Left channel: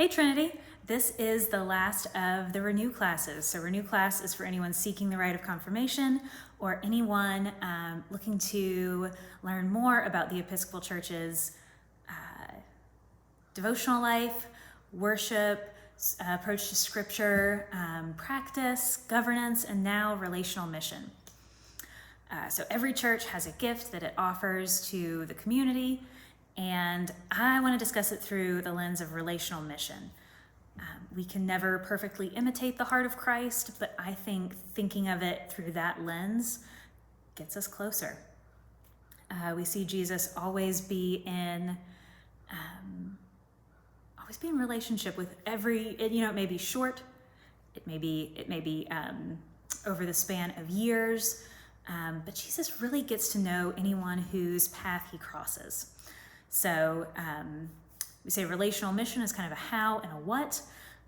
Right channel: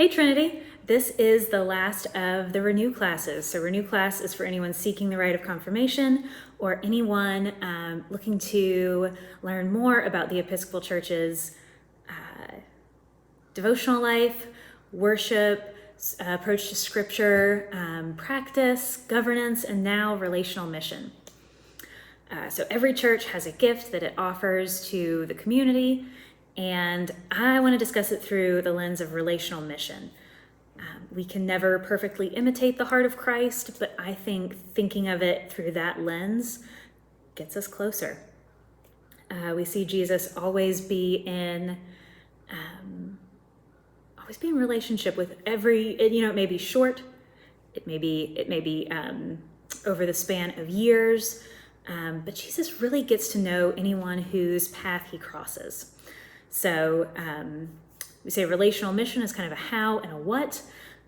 Hey Trinity, this is the last of the Renew classes. So Renew class is for anyone seeking the rite of confirmation or anyone looking to learn more about the Episcopal Church's devotional life, worship, approach to scripture, practice, governance, and now relational mission. So every church has a gift that it offers to the community, and I want to discuss it through the lens of relational mission. We can never perfectly imitate the heart of Christ, but I think thinking of it through that lens gets us closer. We see Jesus always be in relationship with every, it may be short, it may be over the span of years, but Jesus really gets to know anyone whose path he crosses. So we say relational mission is kind of a how and a what,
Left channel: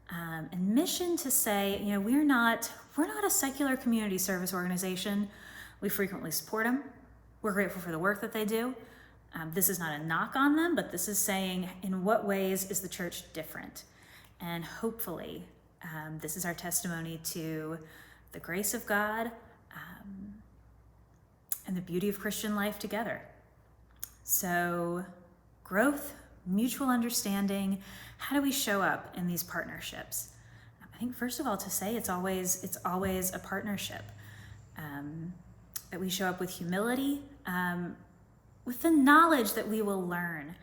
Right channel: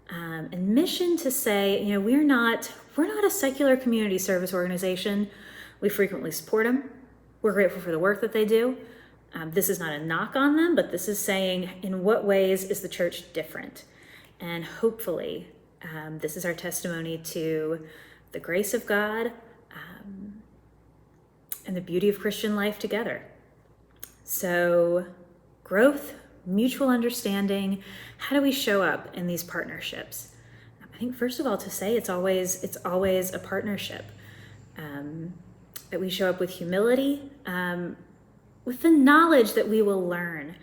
and mission to say, we're not a secular community service organization. We frequently support them. We're grateful for the work that they do. This is not a knock on them, but this is saying, in what ways is the church different? And hopefully, this is our testimony to the grace of God and the beauty of Christian life together. So, growth, mutual understanding, how do we show up in these partnerships? I think first of all to say it's always a partnership. That we show up with humility, with the knowledge that we will learn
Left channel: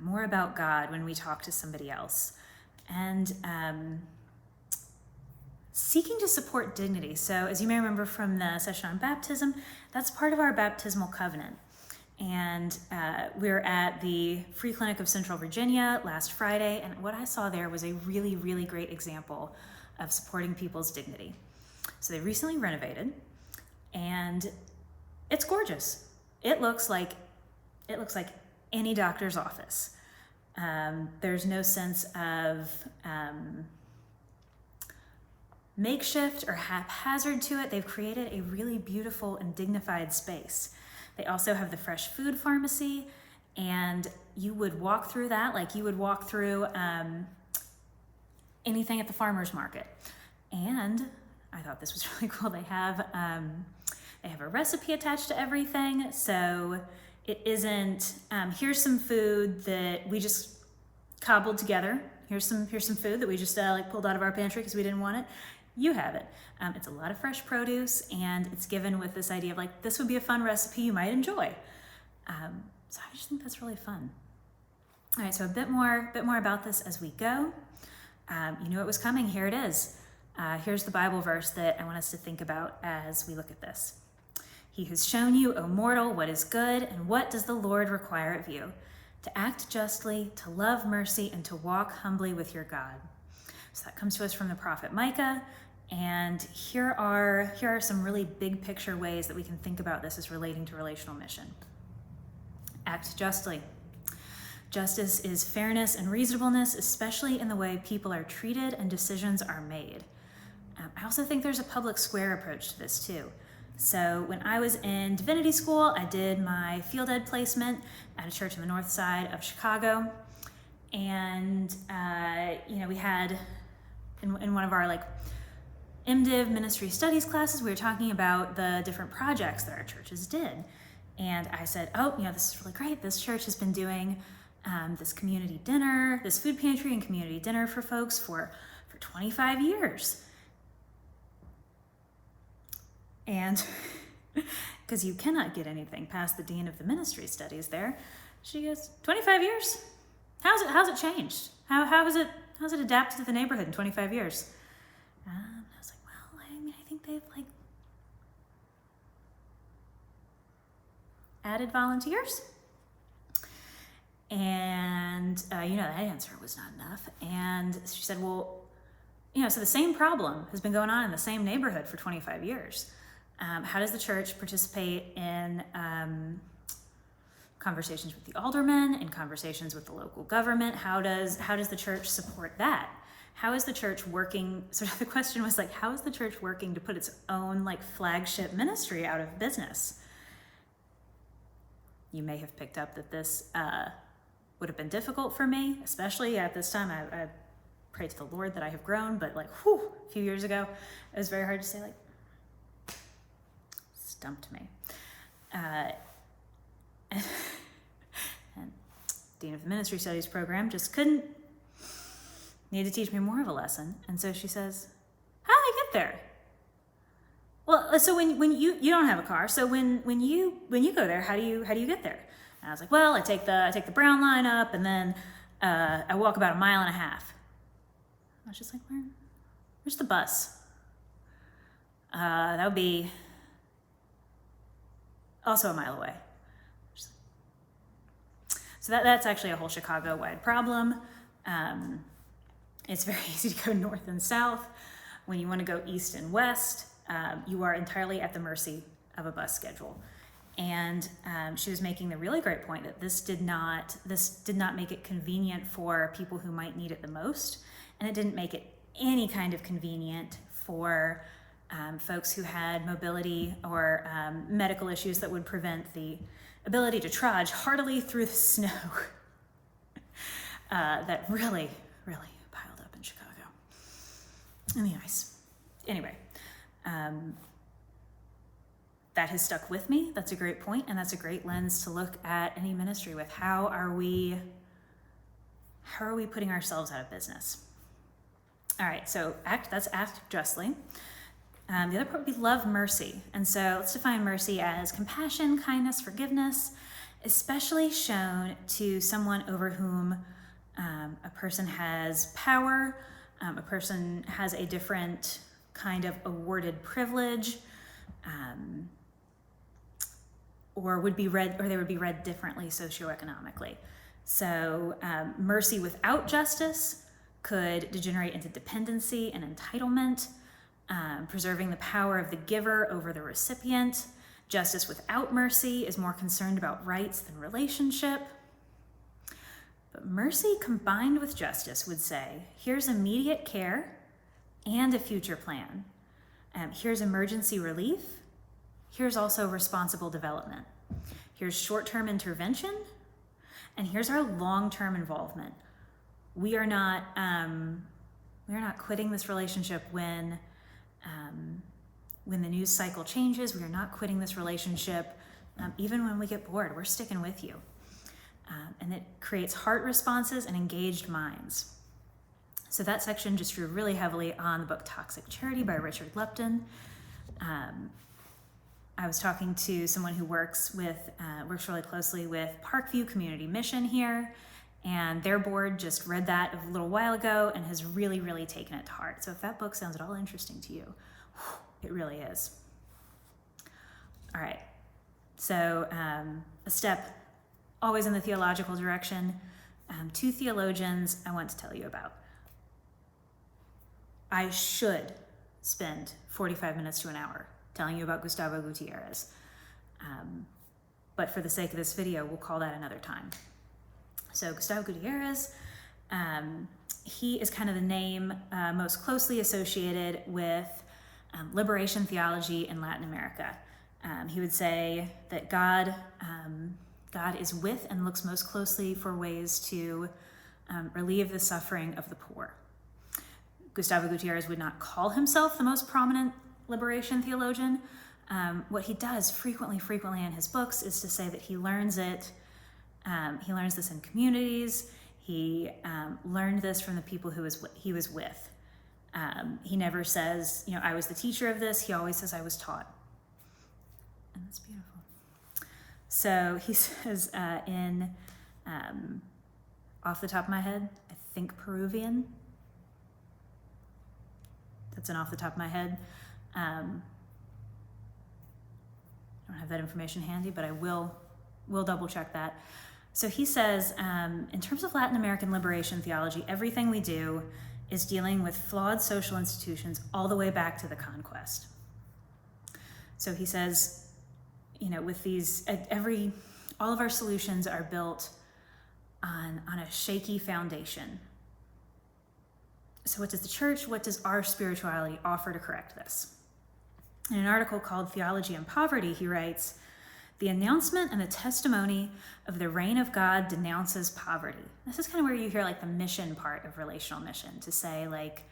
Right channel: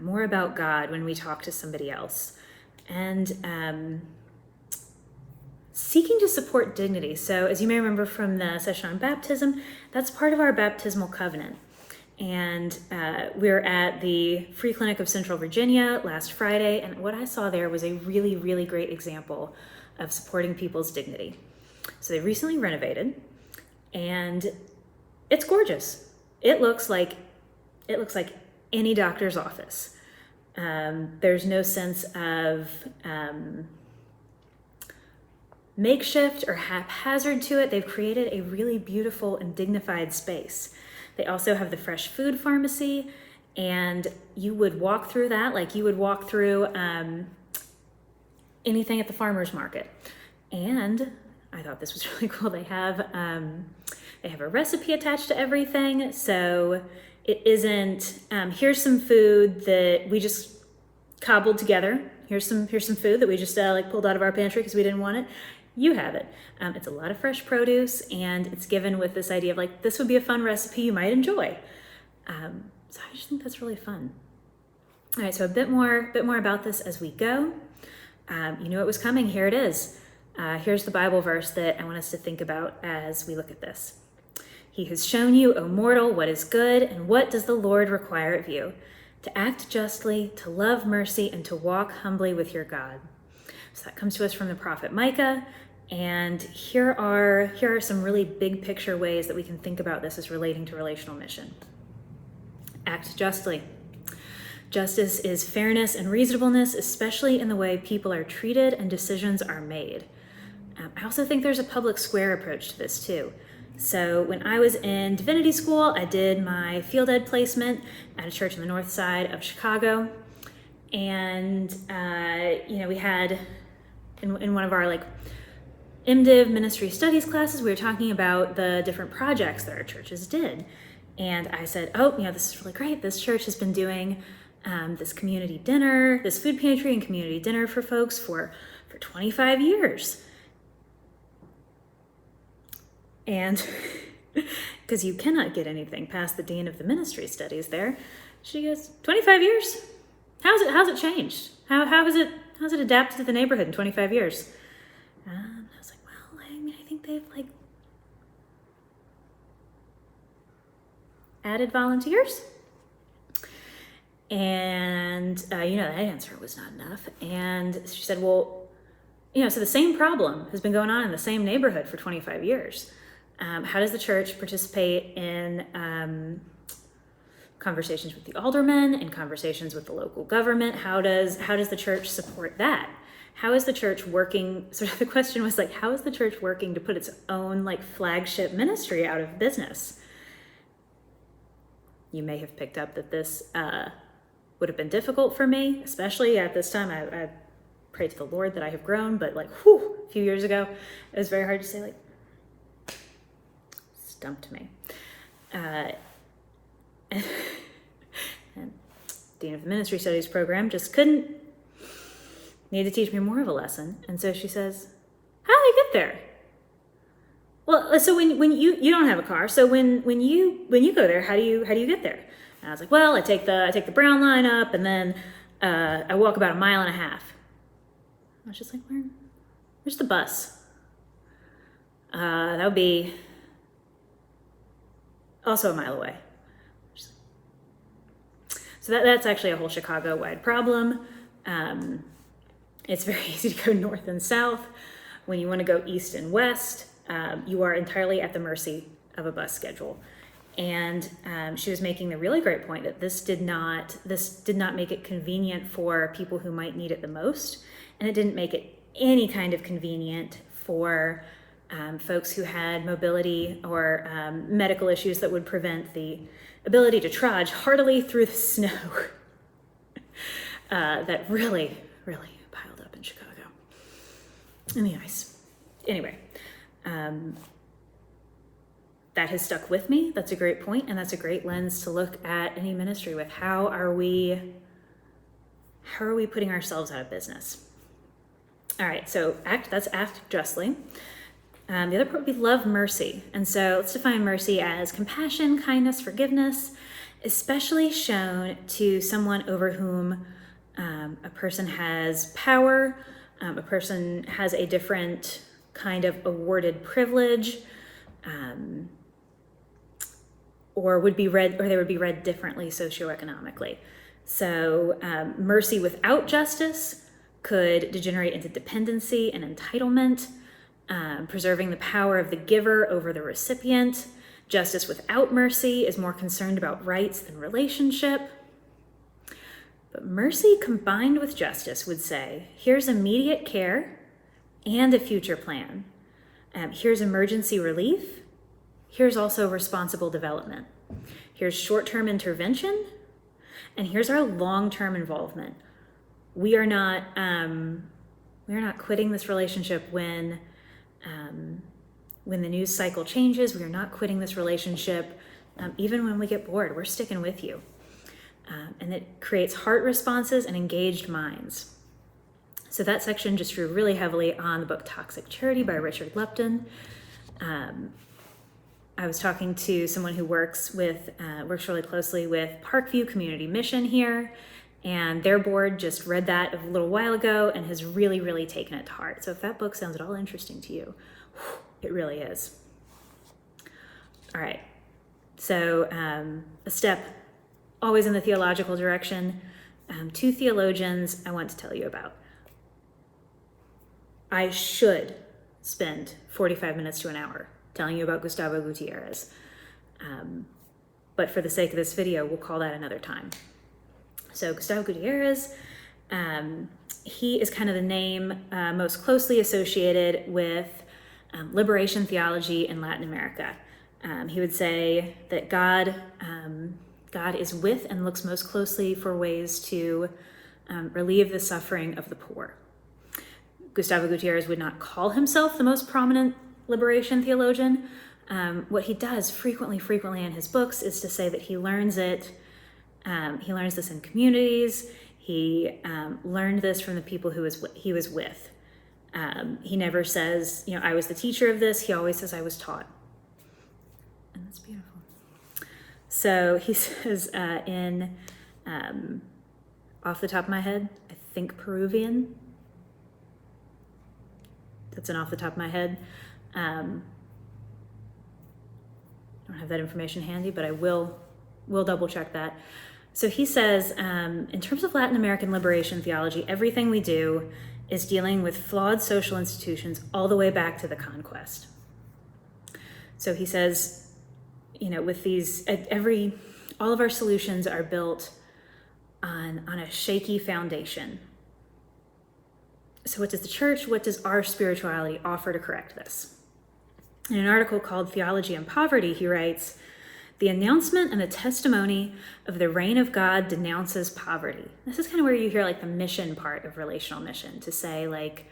more about God when we talk to somebody else, and seeking to support dignity. So as you may remember from the session on baptism, that's part of our baptismal covenant. And we're at the Free Clinic of Central Virginia last Friday, and what I saw there was a really, really great example of supporting people's dignity. So they recently renovated, and it's gorgeous. It looks like any doctor's office. There's no sense of makeshift or haphazard to it. They've created a really beautiful and dignified space. They also have the fresh food pharmacy, and you would walk through that like you would walk through anything at the farmer's market. And I thought this was really cool. They have a recipe attached to everything, so it isn't here's some food that we just cobbled together. Here's some food that we just pulled out of our pantry because we didn't want it. You have it. It's a lot of fresh produce, and it's given with this idea of this would be a fun recipe you might enjoy. So I just think that's really fun. All right, so a bit more about this as we go. You knew it was coming. Here it is. Here's the Bible verse that I want us to think about as we look at this. He has shown you, O mortal, what is good, and what does the Lord require of you? To act justly, to love mercy, and to walk humbly with your God. So that comes to us from the prophet Micah. And here are some really big picture ways that we can think about this as relating to relational mission. Act justly. Justice is fairness and reasonableness, especially in the way people are treated and decisions are made. I also think there's a public square approach to this too. So when I was in divinity school, I did my field ed placement at a church on the north side of Chicago. And, we had in one of our MDiv ministry studies classes, we were talking about the different projects that our churches did. And I said, this is really great. This church has been doing this community dinner, this food pantry and community dinner for folks for 25 years. And because you cannot get anything past the dean of the ministry studies there, she goes, 25 years? How's it changed? How's it adapted to the neighborhood in 25 years? I was like, well, I think they've added volunteers. And, that answer was not enough. And she said, well, so the same problem has been going on in the same neighborhood for 25 years. How does the church participate in conversations with the aldermen and conversations with the local government? How does the church support that? How is the church working? Sort of the question was how is the church working to put its own flagship ministry out of business? You may have picked up that this would have been difficult for me, especially at this time. I pray to the Lord that I have grown, but like, whew, a few years ago, it was very hard to say, like, stumped me. And Dean of the Ministry Studies program just need to teach me more of a lesson. And so she says, how do I get there? Well, so when you don't have a car, so when you go there, how do you get there? And I was like, well, I take the Brown line up, and then I walk about 1.5 miles. I was just like, where's the bus? That would be also 1 mile away. So that's actually a whole Chicago-wide problem. It's very easy to go north and south. When you want to go east and west, you are entirely at the mercy of a bus schedule. And she was making the really great point that this did not make it convenient for people who might need it the most, and it didn't make it any kind of convenient for folks who had mobility or medical issues that would prevent the ability to trudge heartily through the snow that really, really piled up in Chicago, and the ice. Anyway, that has stuck with me. That's a great point, and that's a great lens to look at any ministry with. How are we putting ourselves out of business? All right, so that's act justly. The other part would be love mercy. And so let's define mercy as compassion, kindness, forgiveness, especially shown to someone over whom a person has power, a person has a different kind of awarded privilege, or they would be read differently socioeconomically. So mercy without justice could degenerate into dependency and entitlement. Preserving the power of the giver over the recipient. Justice without mercy is more concerned about rights than relationship. But mercy combined with justice would say, here's immediate care and a future plan. Here's emergency relief. Here's also responsible development. Here's short-term intervention. And here's our long-term involvement. We are not quitting this relationship when the news cycle changes. We are not quitting this relationship even when we get bored. We're sticking with you. And it creates heart responses and engaged minds. So that section just drew really heavily on the book Toxic Charity by Richard Lupton. I was talking to someone who works really closely with Parkview Community Mission here, and their board just read that a little while ago and has really, really taken it to heart. So if that book sounds at all interesting to you, it really is. All right, so a step always in the theological direction. 2 theologians I want to tell you about. I should spend 45 minutes to an hour telling you about Gustavo Gutierrez. But for the sake of this video, we'll call that another time. So Gustavo Gutierrez, he is kind of the name most closely associated with liberation theology in Latin America. He would say that God is with and looks most closely for ways to relieve the suffering of the poor. Gustavo Gutierrez would not call himself the most prominent liberation theologian. What he does frequently in his books is to say that he learns this in communities. He learned this from the people he was with. He never says, I was the teacher of this. He always says, I was taught. And that's beautiful. So he says off the top of my head, I think Peruvian. That's an off the top of my head. I don't have that information handy, but I will double check that. So he says, in terms of Latin American liberation theology, everything we do is dealing with flawed social institutions all the way back to the conquest. So he says, with these, all of our solutions are built on a shaky foundation. So what does the church, what does our spirituality offer to correct this? In an article called Theology and Poverty, he writes, The announcement and the testimony of the reign of God denounces poverty. This is kind of where you hear like the mission part of relational mission, to say like,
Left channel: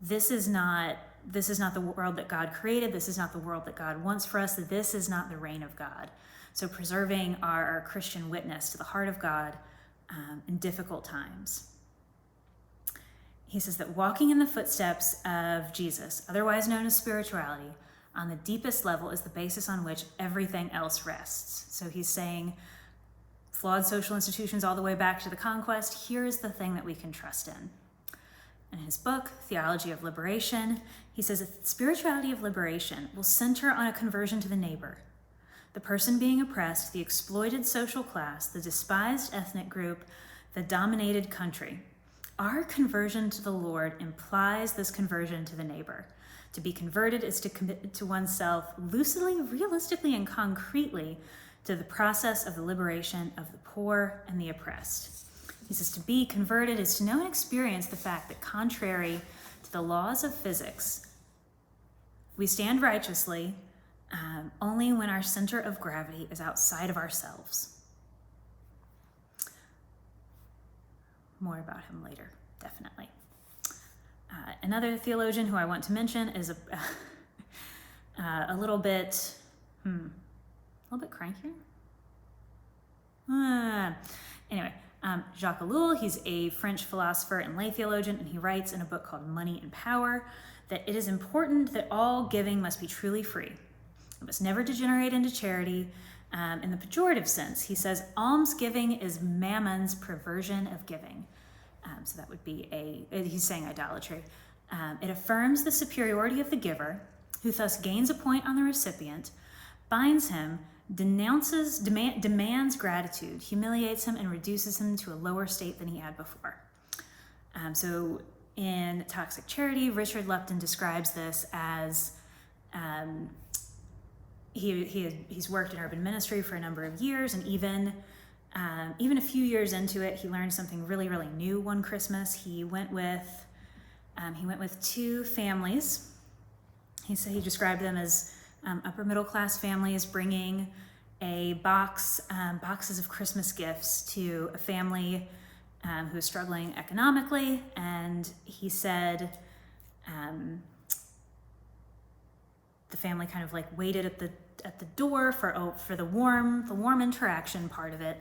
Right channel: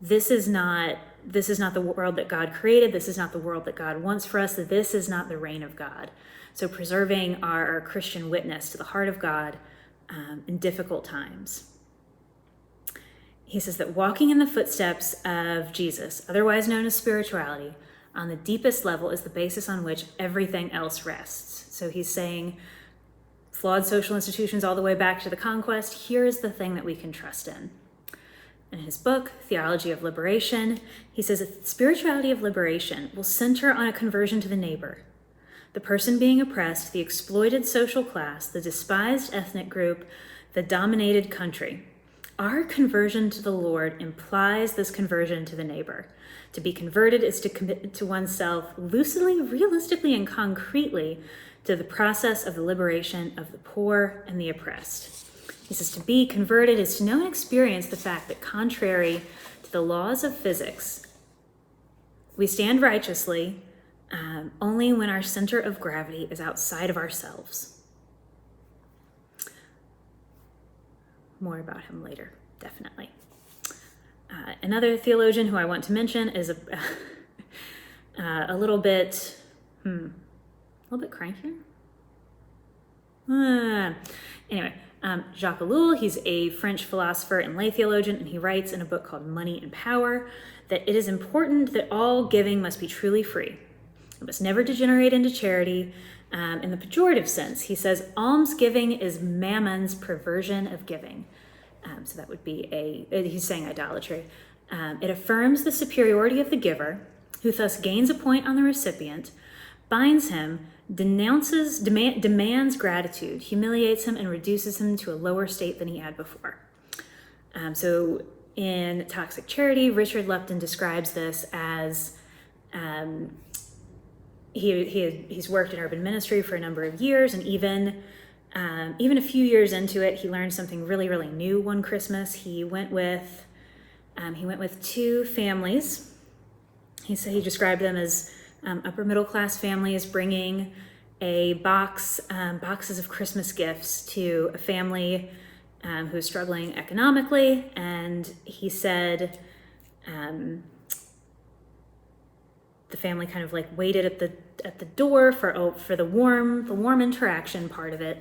this is not the world that God created. This is not the world that God wants for us. This is not the reign of God. So preserving our Christian witness to the heart of God in difficult times. He says that walking in the footsteps of Jesus, otherwise known as spirituality, on the deepest level is the basis on which everything else rests. So he's saying flawed social institutions all the way back to the conquest, here is the thing that we can trust in. In his book, Theology of Liberation, he says that spirituality of liberation will center on a conversion to the neighbor, the person being oppressed, the exploited social class, the despised ethnic group, the dominated country. Our conversion to the Lord implies this conversion to the neighbor. To be converted is to commit to oneself lucidly, realistically, and concretely to the process of the liberation of the poor and the oppressed. He says to be converted is to know and experience the fact that contrary to the laws of physics, we stand righteously only when our center of gravity is outside of ourselves. More about him later, definitely. Another theologian who I want to mention is a little bit crankier. Anyway, Jacques Ellul, he's a French philosopher and lay theologian, and he writes in a book called Money and Power that it is important that all giving must be truly free. It must never degenerate into charity. In the pejorative sense, he says almsgiving is mammon's perversion of giving. So that would be he's saying idolatry. It affirms the superiority of the giver, who thus gains a point on the recipient, binds him, demands gratitude, humiliates him, and reduces him to a lower state than he had before. So in Toxic Charity, Richard Lupton describes this as he's worked in urban ministry for a number of years, and even a few years into it, he learned something really, really new one Christmas. He went with two families. He described them as upper middle class families bringing boxes of Christmas gifts to a family who was struggling economically, and he said the family kind of like waited at the door for the warm interaction part of it.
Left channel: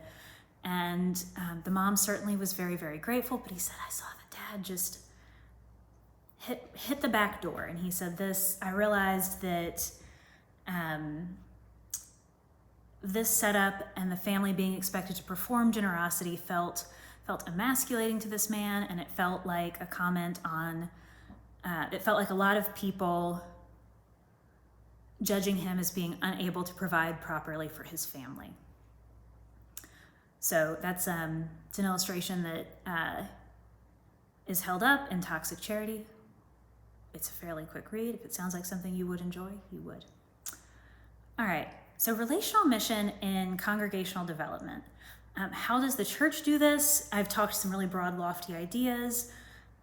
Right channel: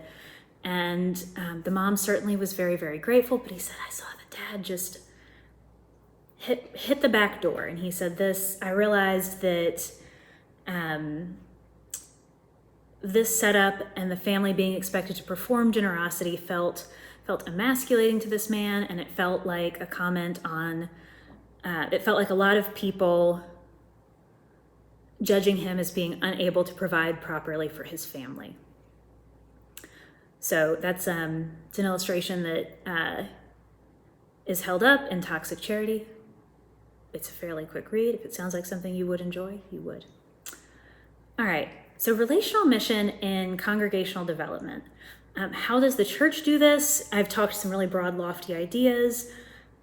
And the mom certainly was very, very grateful, but he said, I saw the dad just hit the back door. And he said I realized that this setup and the family being expected to perform generosity felt emasculating to this man, and it felt like a comment on, it felt like a lot of people judging him as being unable to provide properly for his family. So that's it's an illustration that is held up in Toxic Charity. It's a fairly quick read. If it sounds like something you would enjoy, you would. All right, so relational mission in congregational development. How does the church do this? I've talked some really broad, lofty ideas.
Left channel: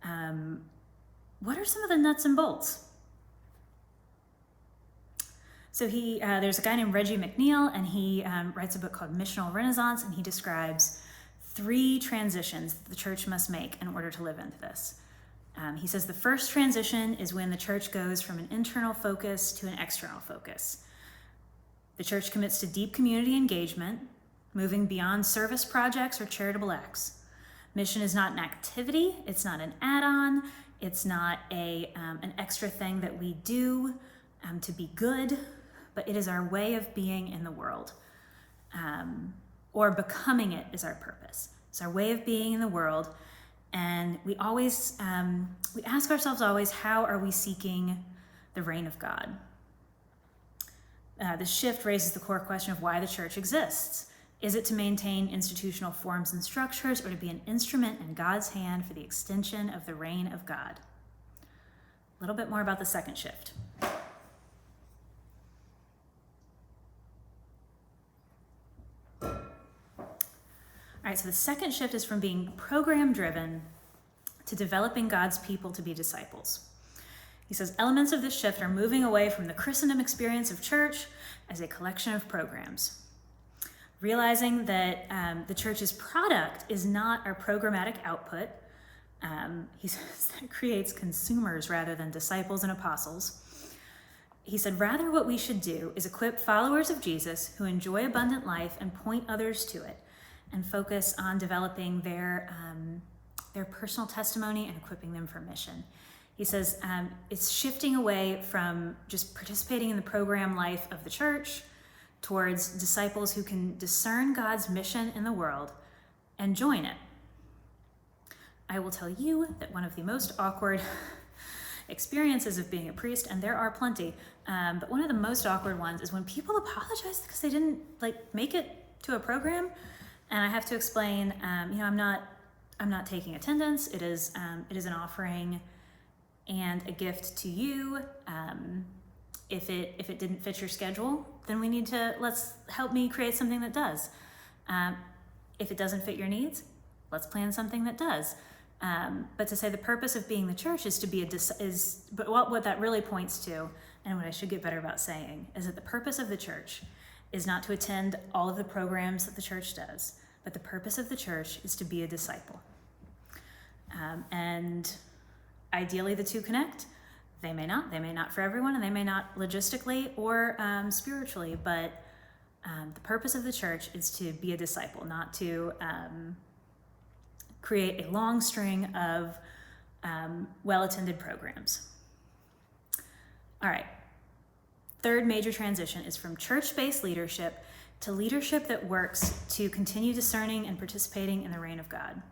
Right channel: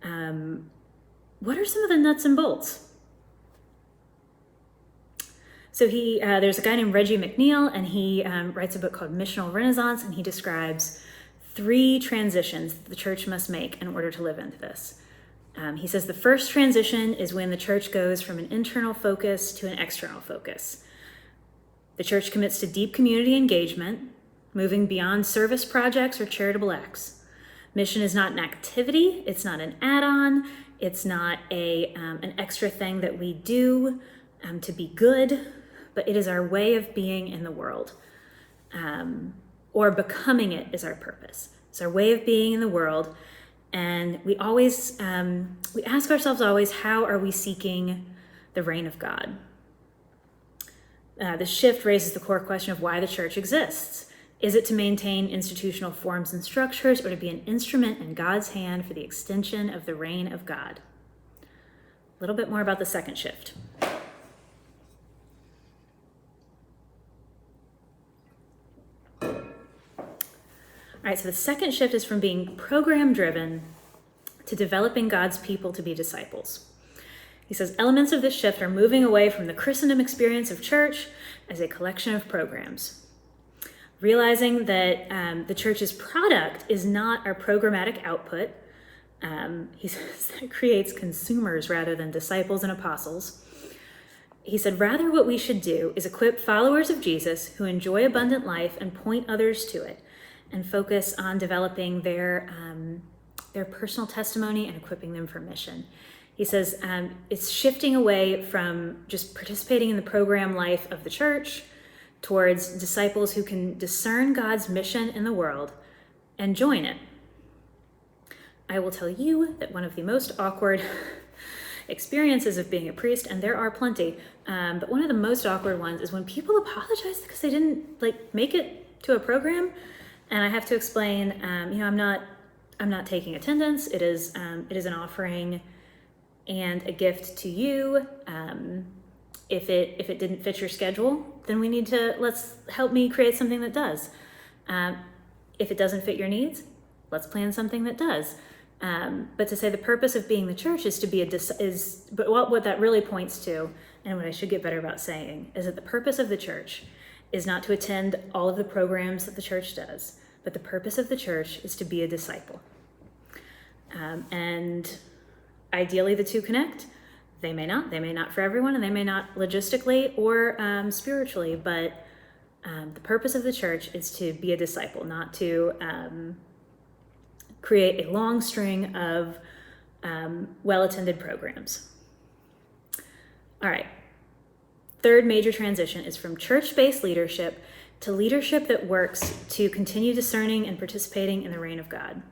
What are some of the nuts and bolts? So there's a guy named Reggie McNeil, and he writes a book called Missional Renaissance, and he describes 3 transitions that the church must make in order to live into this. He says the first transition is when the church goes from an internal focus to an external focus. The church commits to deep community engagement, moving beyond service projects or charitable acts. Mission is not an activity, it's not an add-on, it's not an extra thing that we do to be good, but it is our way of being in the world, or becoming it is our purpose. It's our way of being in the world, and we always we ask ourselves always, how are we seeking the reign of God? This shift raises the core question of why the church exists. Is it to maintain institutional forms and structures, or to be an instrument in God's hand for the extension of the reign of God? A little bit more about the second shift. All right, so the second shift is from being program-driven to developing God's people to be disciples. He says, elements of this shift are moving away from the Christendom experience of church as a collection of programs. Realizing that the church's product is not our programmatic output, he says that creates consumers rather than disciples and apostles. He said, rather what we should do is equip followers of Jesus who enjoy abundant life and point others to it, and focus on developing their personal testimony and equipping them for mission. He says it's shifting away from just participating in the program life of the church towards disciples who can discern God's mission in the world and join it. I will tell you that one of the most awkward experiences of being a priest, and there are plenty, but one of the most awkward ones is when people apologize because they didn't make it to a program, and I have to explain, I'm not taking attendance. It is an offering and a gift to you. If it didn't fit your schedule, then let's help me create something that does. If it doesn't fit your needs, let's plan something that does. But to say the purpose of being the church is to be but what that really points to, and what I should get better about saying, is that the purpose of the church is not to attend all of the programs that the church does, but the purpose of the church is to be a disciple. And ideally the two connect. They may not for everyone, and they may not logistically or spiritually, but the purpose of the church is to be a disciple, not to create a long string of well-attended programs. All right. Third major transition is from church-based leadership to leadership that works to continue discerning and participating in the reign of God.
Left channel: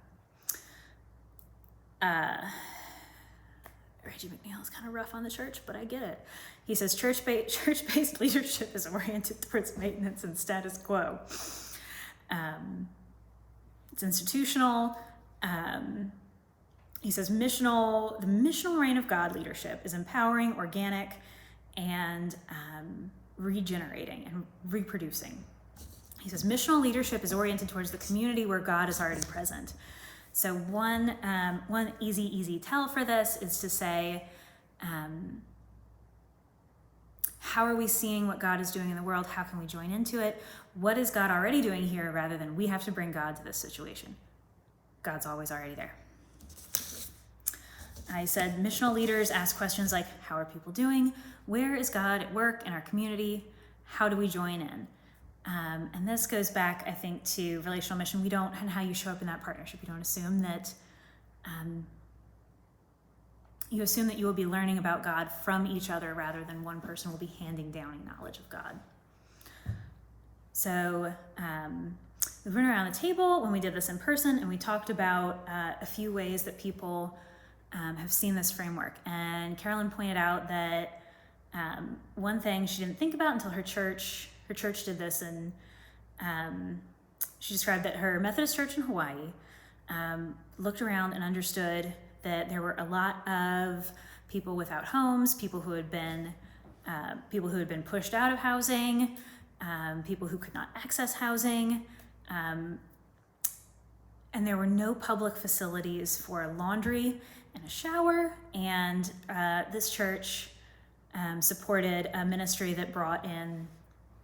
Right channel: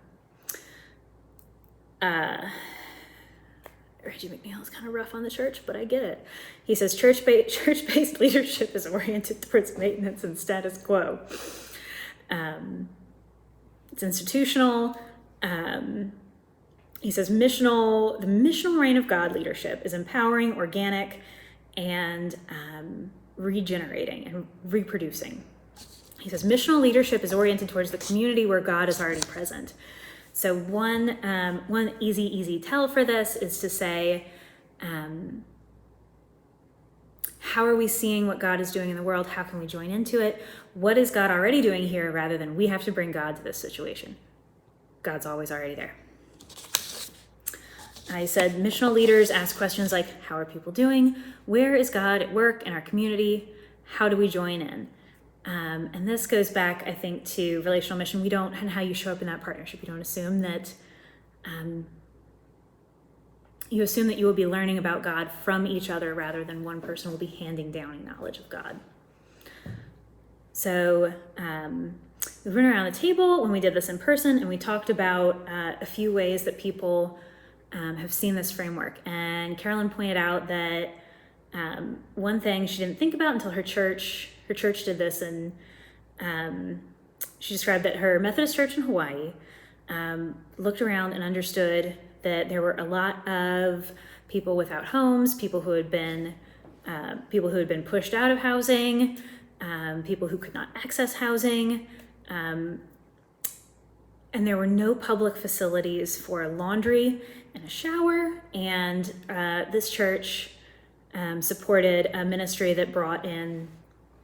Reggie McNeil is kind of rough on the church, but I get it. He says church-based leadership is oriented towards maintenance and status quo. It's institutional. He says the missional reign of God leadership is empowering, organic, and regenerating and reproducing. He says missional leadership is oriented towards the community where God is already present. So one easy tell for this is to say, how are we seeing what God is doing in the world? How can we join into it? What is God already doing here, rather than we have to bring God to this situation? God's always already there. I said missional leaders ask questions like, how are people doing? Where is God at work in our community? How do we join in? And this goes back, I think, to relational mission. And how you show up in that partnership. You don't assume that, you assume that you will be learning about God from each other rather than one person will be handing down knowledge of God. So we went around the table when we did this in person, and we talked about a few ways that people have seen this framework. And Carolyn pointed out that one thing she didn't think about until her church did this, and she described that her Methodist church in Hawaii looked around and understood that there were a lot of people without homes, people who had been pushed out of housing, people who could not access housing, and there were no public facilities for laundry and a shower. And this church supported a ministry that brought in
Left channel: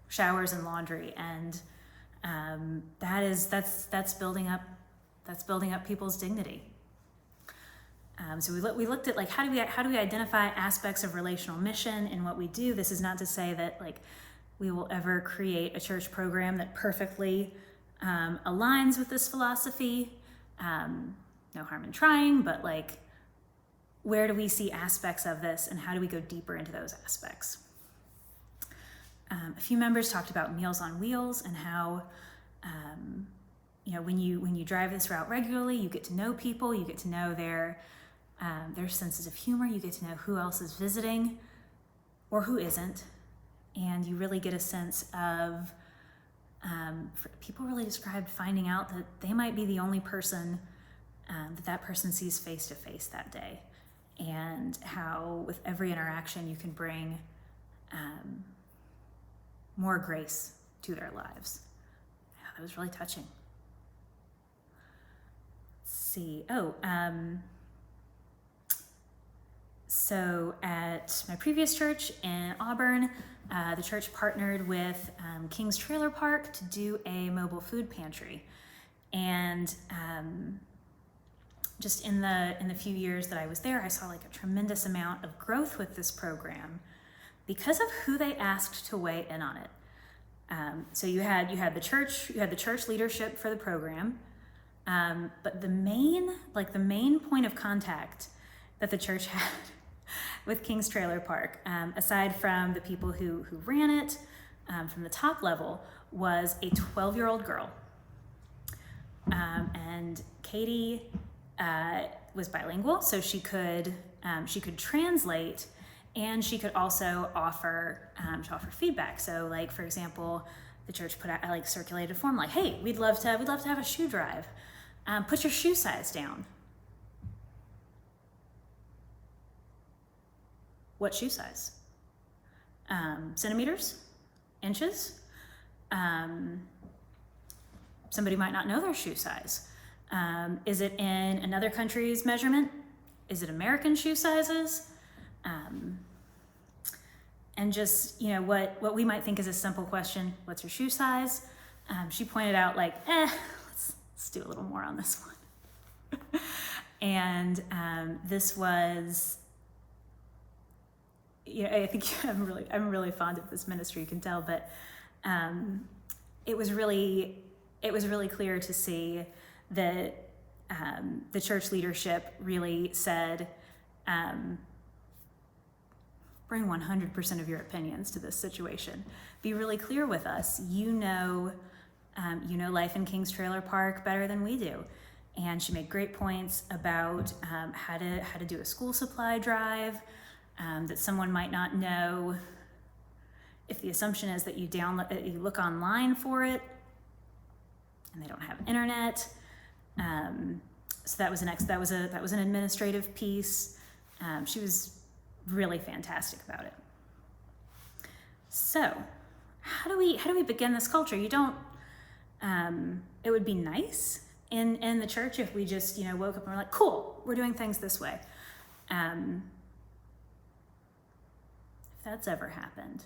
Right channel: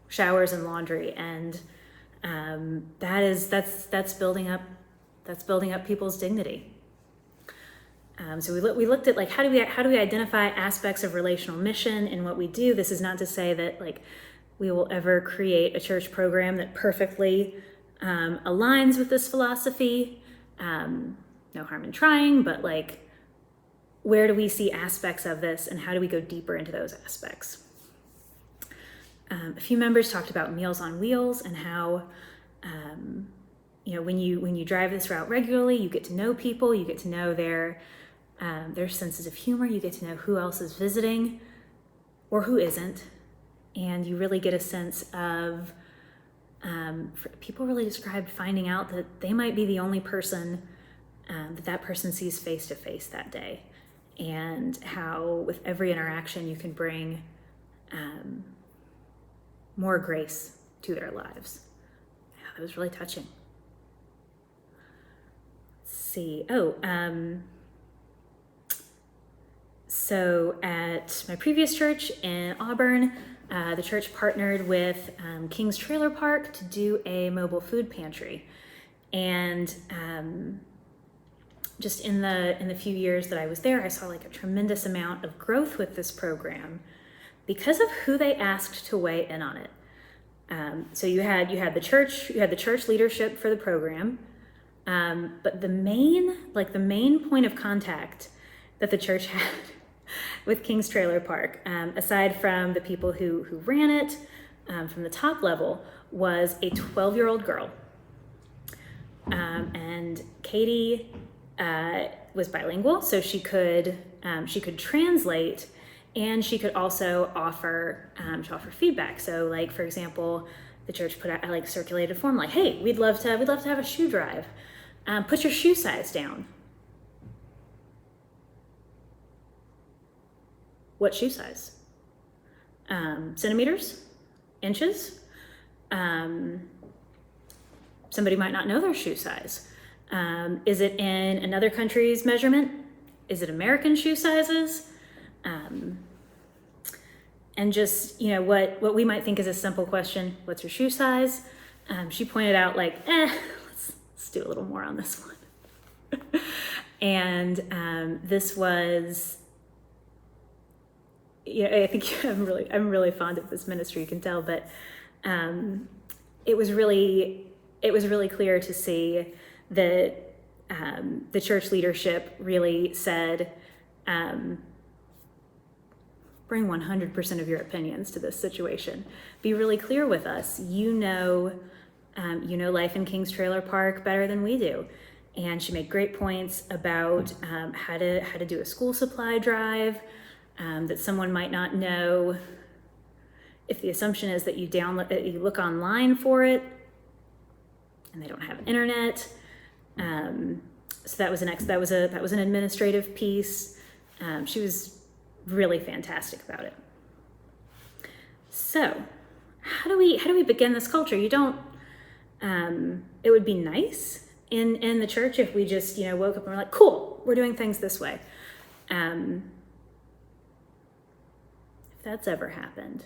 showers and laundry, and that's building up people's dignity. So we looked at how do we identify aspects of relational mission in what we do. This is not to say that we will ever create a church program that perfectly aligns with this philosophy. No harm in trying, but where do we see aspects of this, and how do we go deeper into those aspects? A few members talked about Meals on Wheels and how, when you drive this route regularly, you get to know people, you get to know their senses of humor, you get to know who else is visiting or who isn't, and you really get a sense of, people really described finding out that they might be the only person that person sees face to face that day, and how with every interaction you can bring more grace to their lives. Yeah, that was really touching. Let's see. So at my previous church in Auburn, the church partnered with King's Trailer Park to do a mobile food pantry. And just in the few years that I was there, I saw like a tremendous amount of growth with this program because of who they asked to weigh in on it. So you had the church leadership for the program, but the main point of contact that the church had with King's Trailer Park, aside from the people who ran it from the top level, was a 12-year-old girl. And Katie was bilingual, so she could translate, and she could also offer feedback. So, like, for example, the church put out, circulated a form like, "Hey, we'd love to have a shoe drive. Put your shoe size down." What shoe size? Centimeters? Inches? Somebody might not know their shoe size. Is it in another country's measurement? Is it American shoe sizes? And just, what we might think is a simple question, what's your shoe size? She pointed out let's do a little more on this one. And this was, I think I'm really fond of this ministry, you can tell, but it was really clear to see that the church leadership really said, bring 100% of your opinions to this situation. Be really clear with us. You know life in King's Trailer Park better than we do. And she made great points about how to do a school supply drive, that someone might not know if the assumption is that you look online for it and they don't have internet. So that was an administrative piece. She was really fantastic about it. So how do we begin this culture? You don't, it would be nice in the church if we just, woke up and were like, cool, we're doing things this way. If that's ever happened,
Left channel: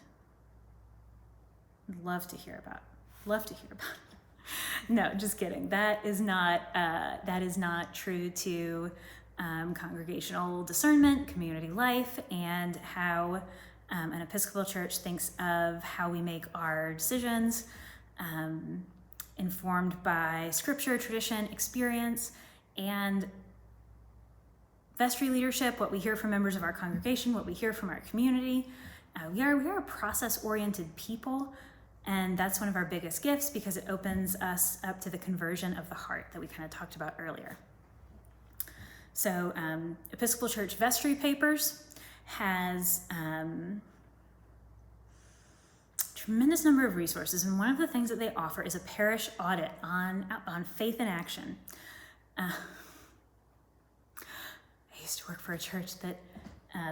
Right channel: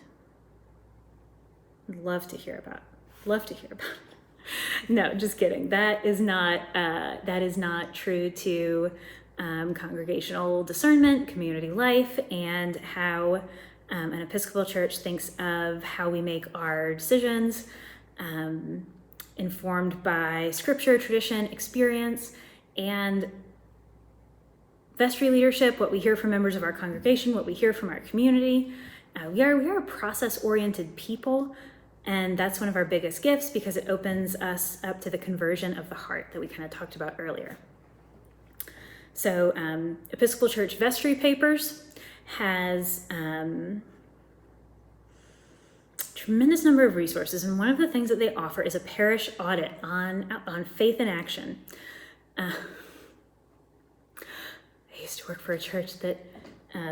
I'd love to hear about it. No, just kidding. That is not true to congregational discernment, community life, and how an Episcopal church thinks of how we make our decisions, informed by scripture, tradition, experience, and vestry leadership, what we hear from members of our congregation, what we hear from our community. We are a process-oriented people, and that's one of our biggest gifts because it opens us up to the conversion of the heart that we kind of talked about earlier. So Episcopal Church Vestry Papers has tremendous number of resources, and one of the things that they offer is a parish audit on faith in action. I used to work for a church that,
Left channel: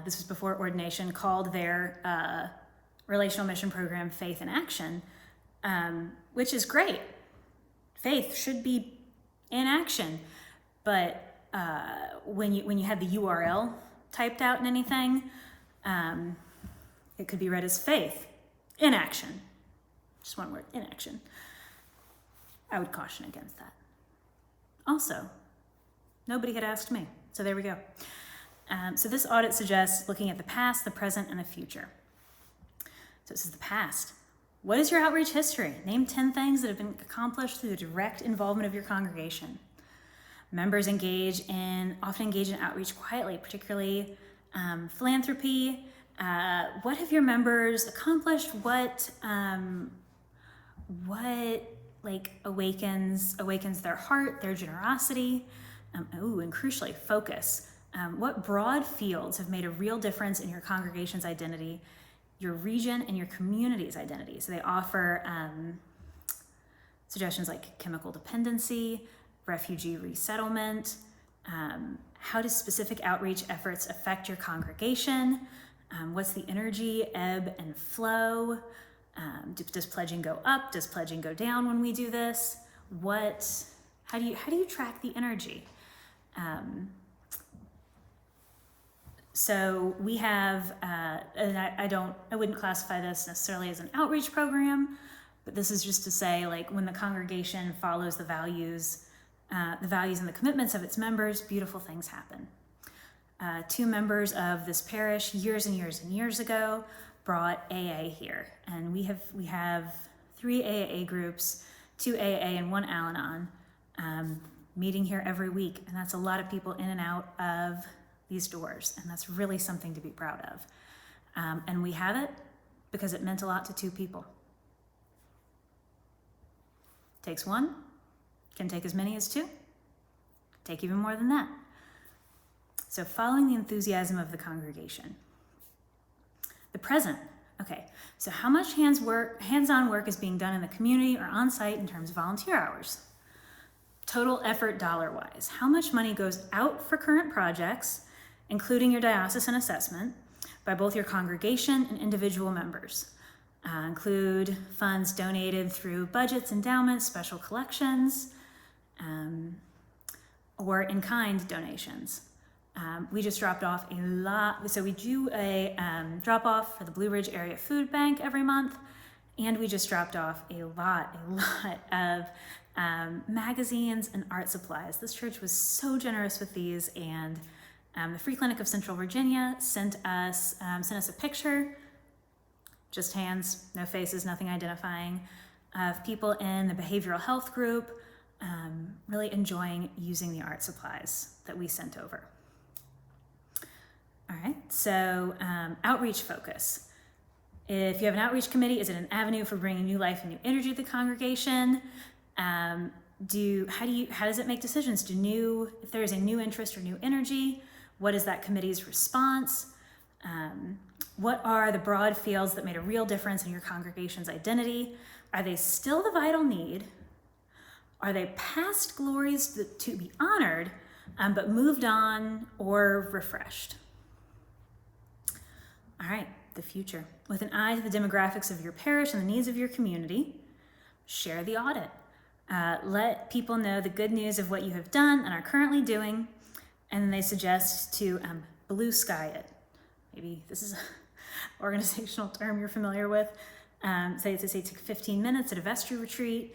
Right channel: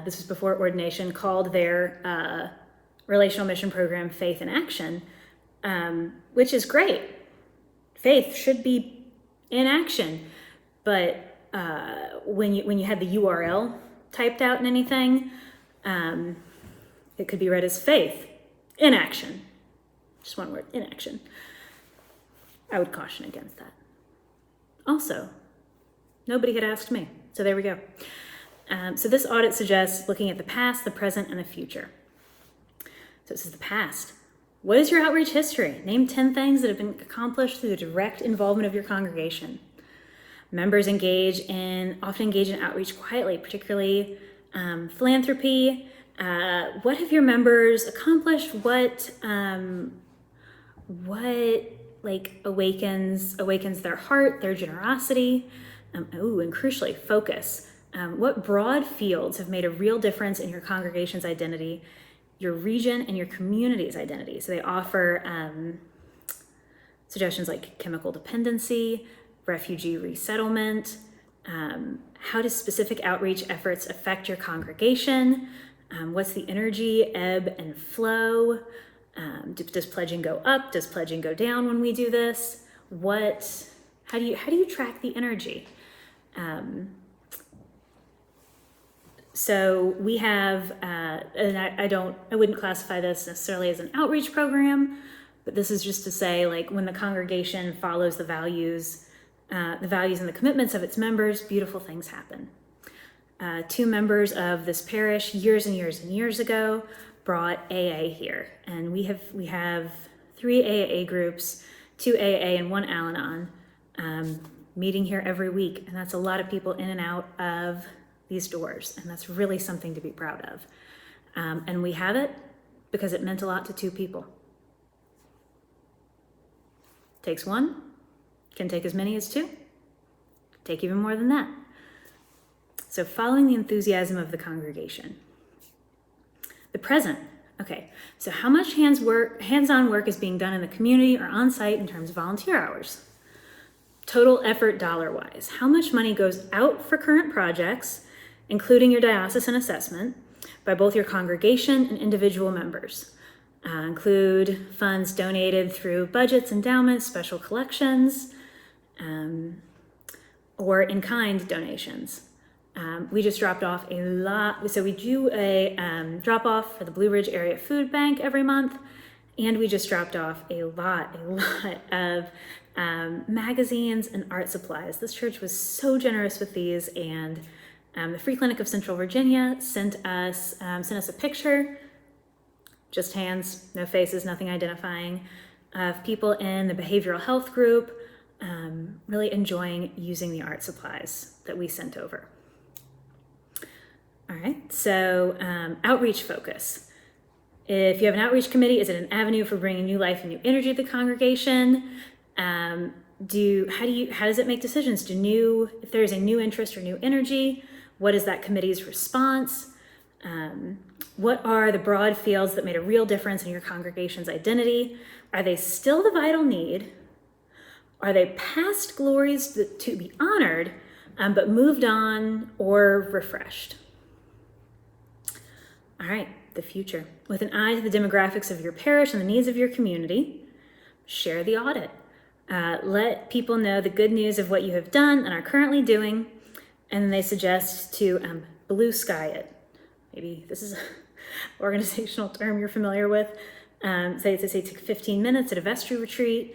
this was before ordination, called their relational mission program Faith in Action, which is great. Faith should be in action, but when you had the URL typed out in anything, it could be read as faith in action. Just one word, in action. I would caution against that. Also, nobody had asked me, so there we go. So this audit suggests looking at the past, the present, and the future. So this is the past. What is your outreach history? Name 10 things that have been accomplished through the direct involvement of your congregation. Members often engage in outreach quietly, particularly philanthropy. What have your members accomplished? What awakens their heart, their generosity? And crucially, focus. What broad fields have made a real difference in your congregation's identity, your region, and your community's identity? So they offer suggestions like chemical dependency, refugee resettlement, how does specific outreach efforts affect your congregation? What's the energy, ebb and flow? Does pledging go up? Does pledging go down when we do this? How do you track the energy? So we have, and I wouldn't classify this necessarily as an outreach program, but this is just to say, like, when the congregation follows the values and the commitments of its members, beautiful things happen. 2 members of this parish years and years and years ago brought AA here, and we have 3 AAA groups, 2 AA and 1 Al-Anon, meeting here every week, and that's a lot of people in and out of these doors, and that's really something to be proud of. And we have it because it meant a lot to 2 people. Takes 1, can take as many as 2, take even more than that. So following the enthusiasm of the congregation. The present. Okay, so how much hands-on work is being done in the community or on site in terms of volunteer hours? Total effort dollar-wise. How much money goes out for current projects, including your diocesan assessment, by both your congregation and individual members? Include funds donated through budgets, endowments, special collections, or in-kind donations. We just dropped off a lot. So we do a drop-off for the Blue Ridge Area Food Bank every month, and we just dropped off a lot of magazines and art supplies. This church was so generous with these, and the Free Clinic of Central Virginia sent us a picture, just hands, no faces, nothing identifying, of people in the behavioral health group really enjoying using the art supplies that we sent over. All right, so outreach focus. If you have an outreach committee, is it an avenue for bringing new life and new energy to the congregation? How does it make decisions? If there's a new interest or new energy, what is that committee's response? What are the broad fields that made a real difference in your congregation's identity? Are they still the vital need? Are they past glories to be honored, but moved on or refreshed? All right, the future. With an eye to the demographics of your parish and the needs of your community, share the audit. Let people know the good news of what you have done and are currently doing, and then they suggest to blue sky it. Maybe this is an organizational term you're familiar with. Say take 15 minutes at a vestry retreat,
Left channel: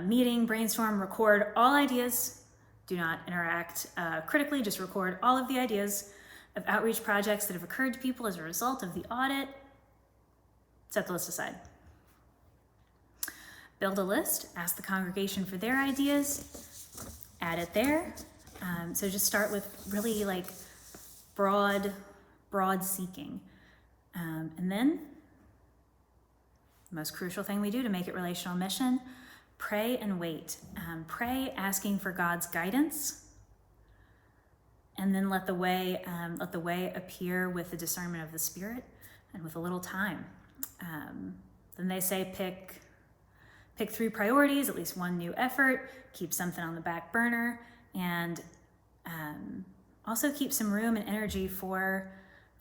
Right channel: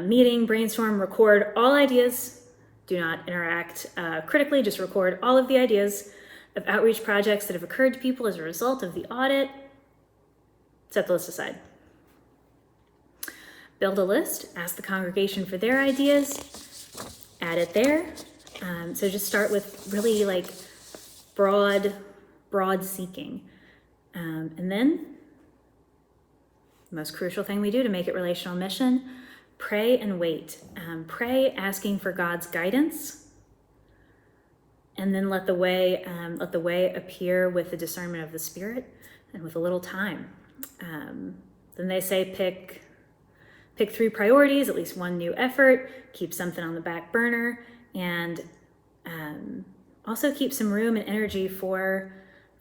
meeting, brainstorm, record all ideas. Do not interact critically, just record all of the ideas of outreach projects that have occurred to people as a result of the audit. Set the list aside. Build a list, ask the congregation for their ideas, add it there. So just start with really like broad seeking. And then the most crucial thing we do to make it relational mission, pray and wait. Pray asking for God's guidance, and then let the way appear with the discernment of the Spirit and with a little time. Then they say pick 3 priorities, at least 1 new effort, keep something on the back burner, and also keep some room and energy for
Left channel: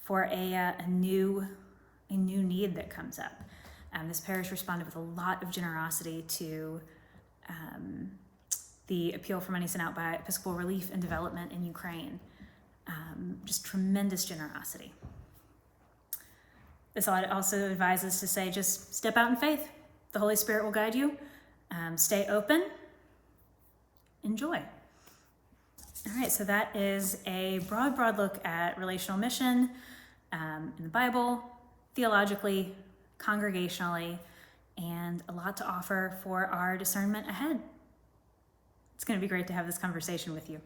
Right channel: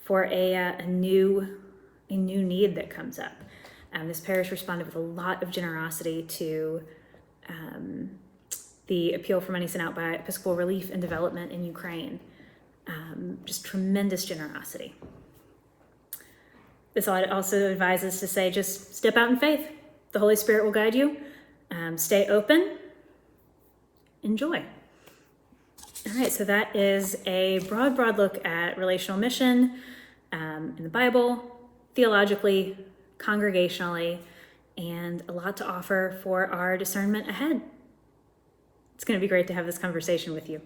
a new need that comes up. This parish responded with a lot of generosity to the appeal for money sent out by Episcopal Relief and Development in Ukraine. Just tremendous generosity. This audit also advises to say, just step out in faith. The Holy Spirit will guide you. Stay open. Enjoy. All right, so that is a broad look at relational mission in the Bible, theologically, congregationally, and a lot to offer for our discernment ahead. It's going to be great to have this conversation with you.